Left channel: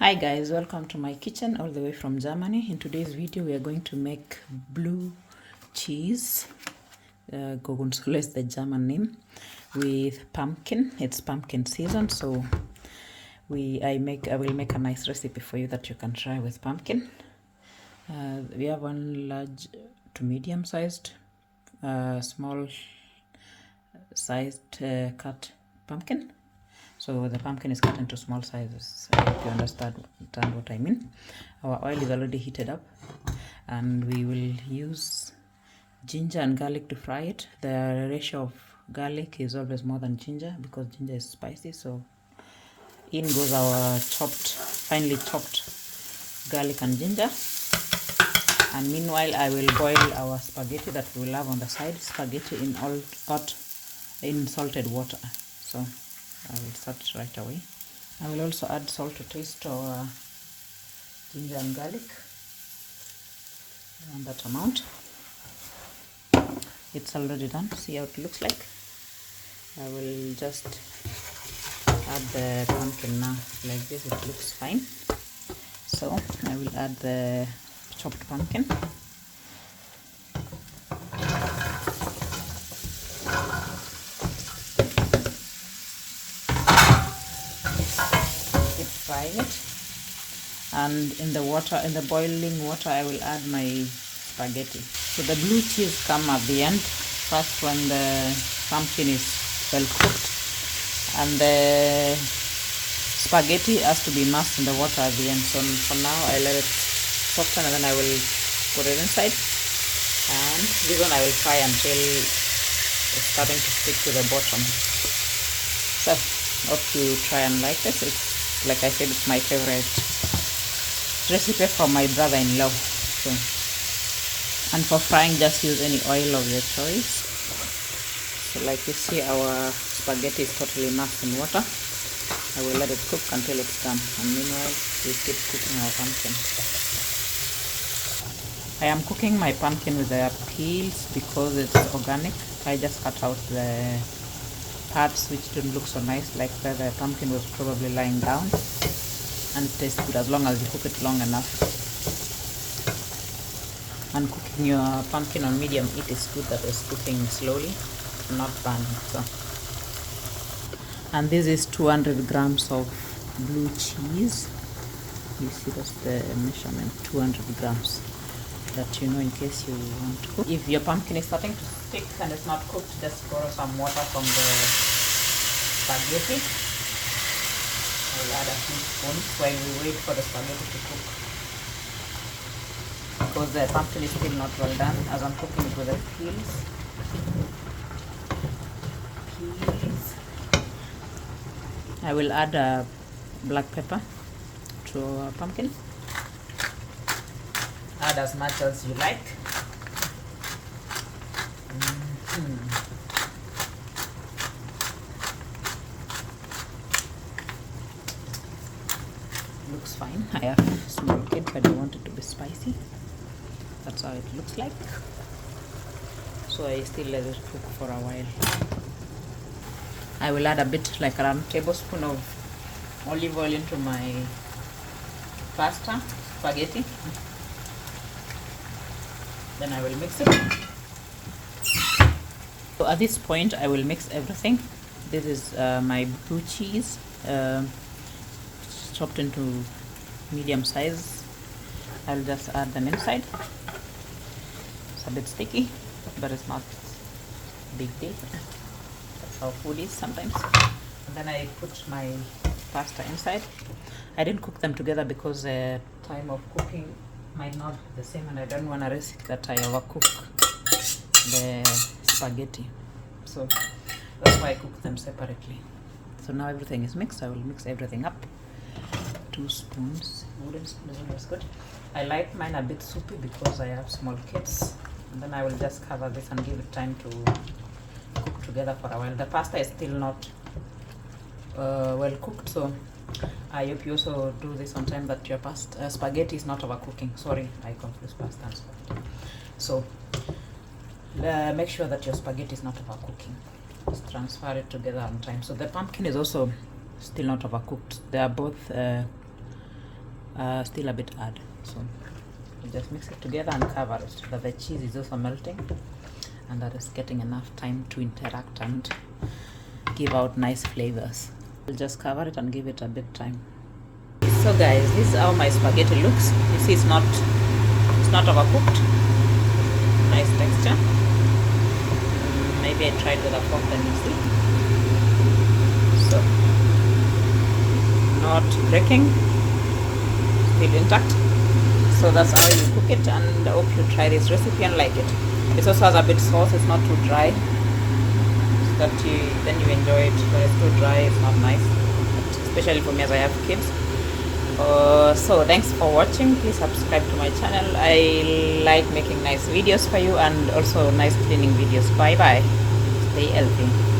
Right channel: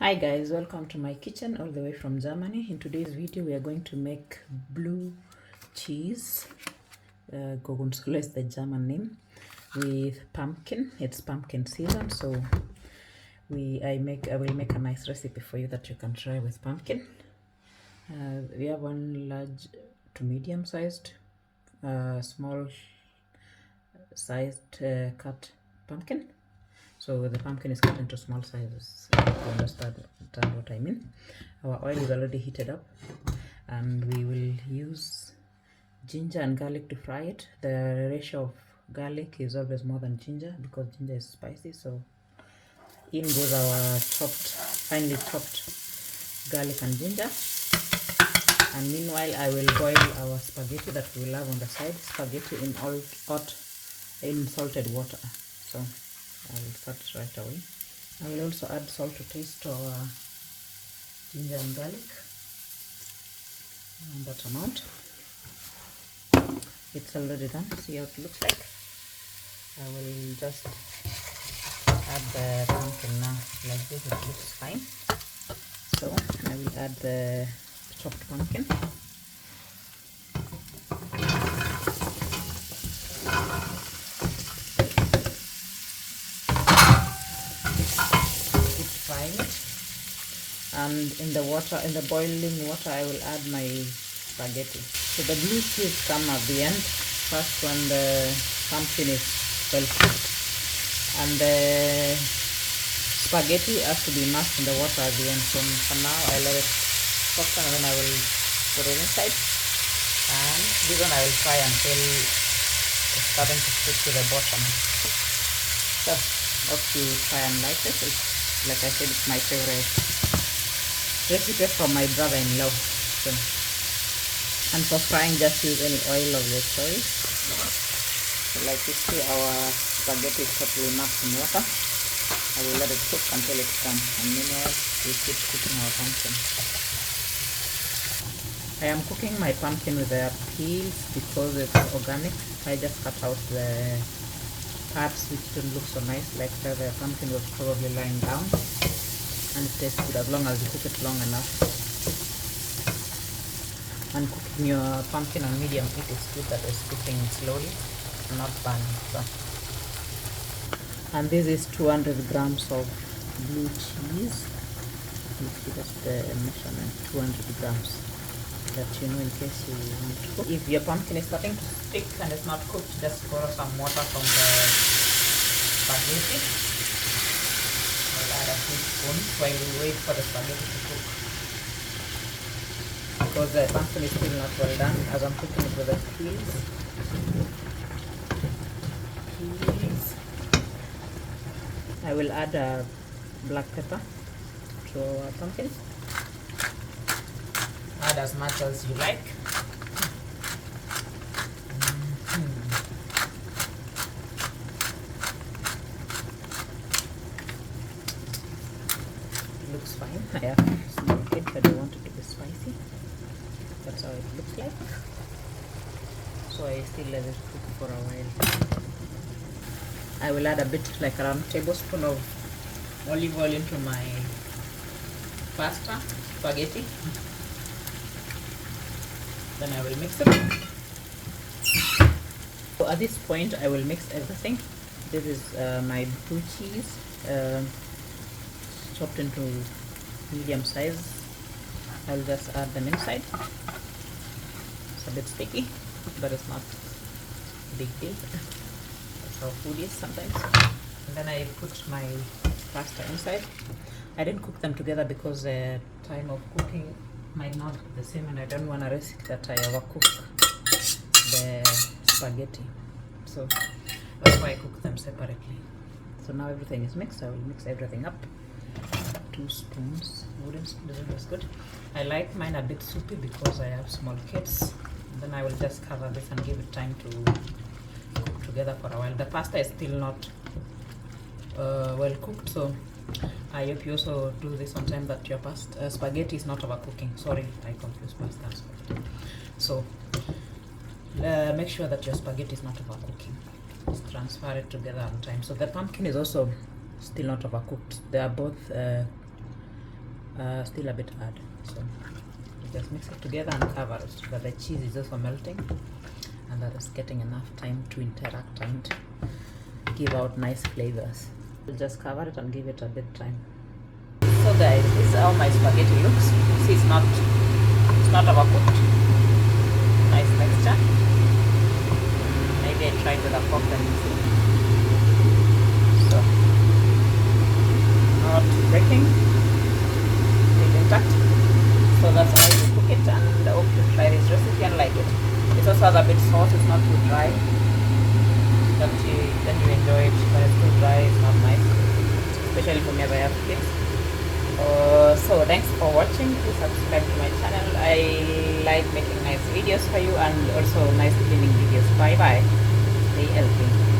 Hi guys, welcome to my kitchen all the way from Germany. In today's video we are going to make blue cheese, Gorgonzola is the German name, with pumpkin. It's pumpkin season, so I will make a nice recipe for you that you can try with pumpkin. We have one large to medium sized, small sized cut pumpkin. So the pumpkin is cut into small sizes. I hope you understand what I mean. Our oil is already heated up, and we will use ginger and garlic to fry it. The ratio of garlic is always more than ginger because ginger is spicy. So in goes our finely chopped garlic and ginger. And meanwhile, I will boil our spaghetti that we will have on the side. Spaghetti in salted water. So I will start right away. I will also add salt to taste to our ginger and garlic, and that amount. It's already done. See how it looks like. I will just add the pumpkin now like this. It looks fine. So I will add the chopped pumpkin. And in the boiling water, I will add my spaghetti. So the blue cheese come at the end, first when the pumpkin is well cooked, and the spaghetti has to be immersed in the water at the end. So for now, I let it soften, and then I will put it inside, and this one I will fry until it's starting to stick to the bottom. So hope you try and like this. It's, like I said, it's my favorite recipe from my brother-in-law. And for frying, just use any oil of your choice. So like you see, our spaghetti is totally immersed in water. I will let it cook until it's done, and meanwhile we keep cooking our pumpkin. I am cooking my pumpkin with the peels because it's organic. I just cut out the parts which didn't look so nice, like where the pumpkin was probably lying down. And it tastes good as long as you cook it long enough. And cooking your pumpkin on medium heat is good, that is cooking slowly, not burning. So. And this is 200 grams of blue cheese. You see that's the measurement, 200 grams. That you know in case you want to cook. If your pumpkin is starting to stick and it's not cooked, just pour some water from the spaghetti. I will add a teaspoon while we wait for the spaghetti to cook, because the pumpkin is still not well done as I'm cooking it with the peels. I will add a black pepper to our pumpkin. Add as much as you like. Looks fine. I have a small kid, but I want it to be spicy. That's how it looks like. So I still let it cook for a while. I will add a bit, like around a tablespoon of olive oil into my pasta, spaghetti. Then I will mix it. So at this point, I will mix everything. This is my blue cheese. Chopped into medium size. I'll just add them inside. It's a bit sticky, but it's not a big deal. That's how food is sometimes. And then I put my pasta inside. I didn't cook them together because the time of cooking might not be the same, and I don't want to risk that I overcook the spaghetti. So that's why I cook them separately. So now everything is mixed. I will mix everything up. 2 spoons, wooden spoon is good. I like mine a bit soupy because I have small kids. And then I will just cover this and give it time to cook together for a while. The pasta is still not well cooked, so I hope you also do this on time, that your spaghetti is not overcooking. Sorry, I confused pasta and spaghetti. So make sure that your spaghetti is not overcooking. Just transfer it together on time. So the pumpkin is also still not overcooked. They are both still a bit hard, so you just mix it together and cover it so that the cheese is also melting and that is getting enough time to interact and give out nice flavors. I'll just cover it and give it a bit time. So guys, this is how my spaghetti looks. You see, it's not overcooked. Nice texture. Maybe I tried with a fork, then you see. So not breaking, still intact. So that's how you cook it, and I hope you try this recipe and like it. This also has a bit sauce, it's not too dry, but then you enjoy it. When it's too dry, it's not nice, especially for me as I have kids. So thanks for watching. Please subscribe to my channel. I like making nice videos for you and also nice cleaning videos. Bye bye. Stay healthy.